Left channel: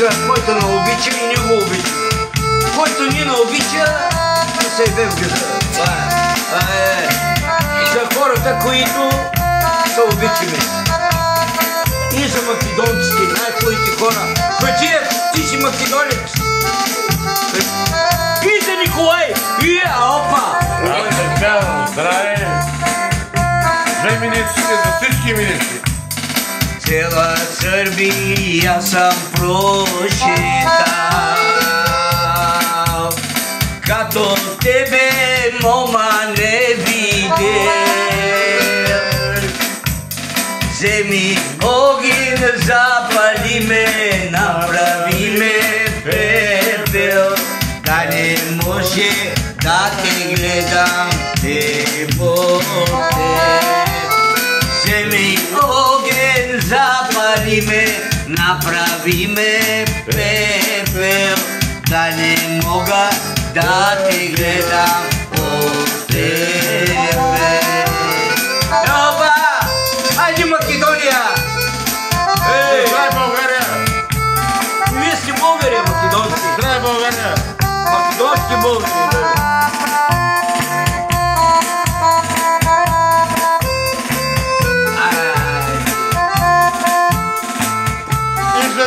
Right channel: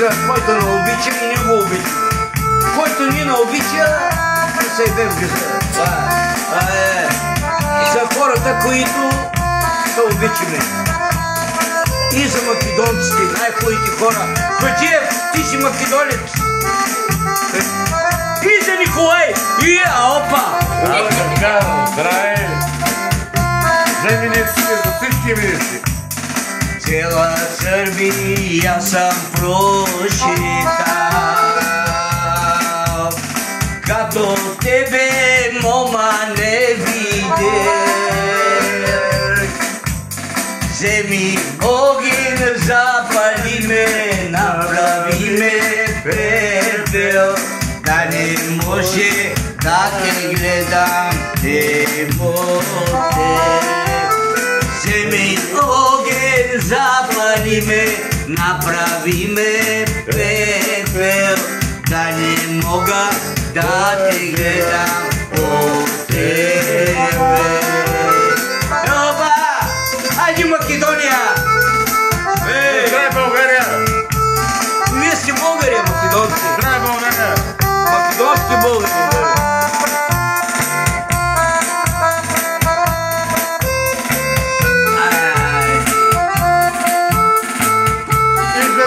казва, който не обича и не го обича. Който ни не обича, се иде в гъза. Това е. За хората, които се обичаме. И за македонците, най-хубавите хора. Хаджиев, ти си македонец. И за Николай. И опа. Аз да казвам, здраве. За министрите, за всички министри. Цела Сърбия съм прочитал, като тебе, мома, не видел. Вземи огън, запали ме, направи ме пепел, да не може да те гледам теб. Вземи огън, запали ме, направи ме пепел, да не мога да те гледам от тебе. Оба! Айде Македония! Здравей, България! Ние сте българи, македонци! Здравей, България! Македонски българи!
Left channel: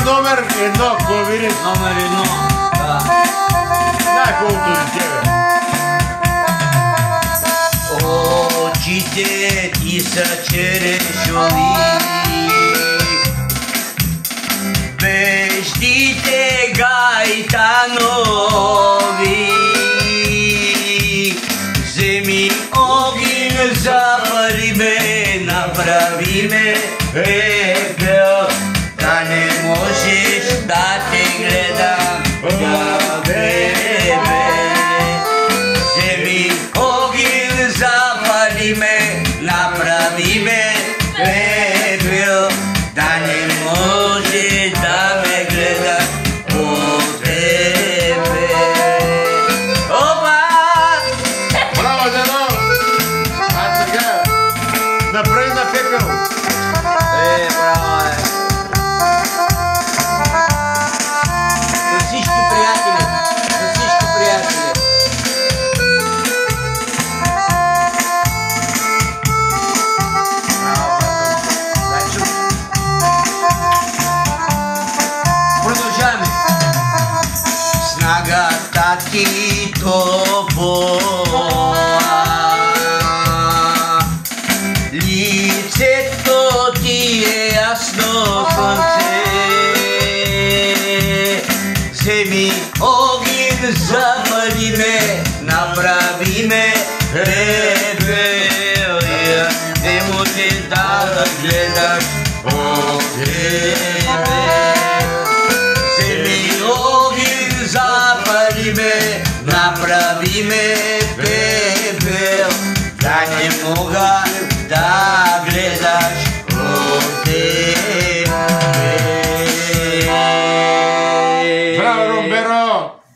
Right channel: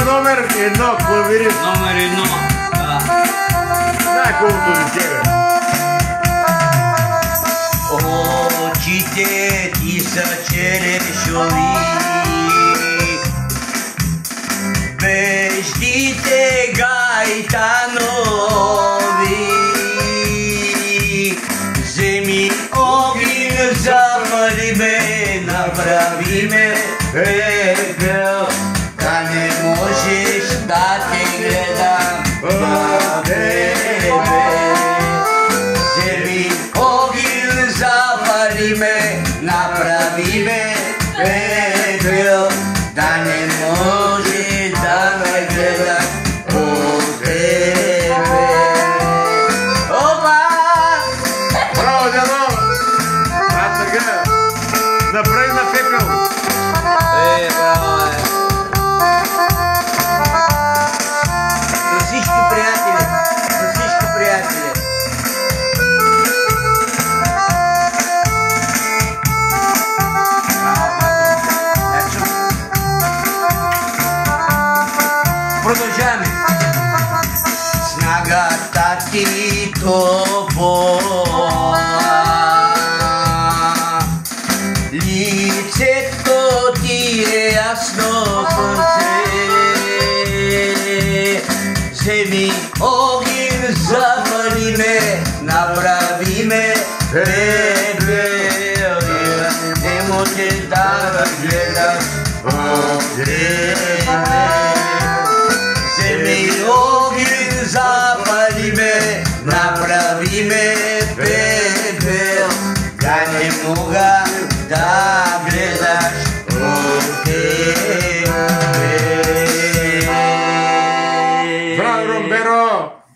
Номер едно, клавирист. Номер едно. Най-хубавото за тебе. Очите ти са черешови, веждите гайтанови. Вземи огън, запали ме, направи ме пепел, да не можеш да те гледам на тебе. Вземи огън, запали ме, направи ме пепел, да не можеш да ме гледам по тебе. Опа! Браво, дядо! А сега, направи на пепел. Браво! За всички приятели, за всички приятели. Продължаваме. Снагата ти топло, лицето ти е ясно слънце. Вземи огън, запали ме, направи ме пепел, не можеш да гледаш от тебе. Вземи огън, запали ме, направи ме пепел, да не мога да гледам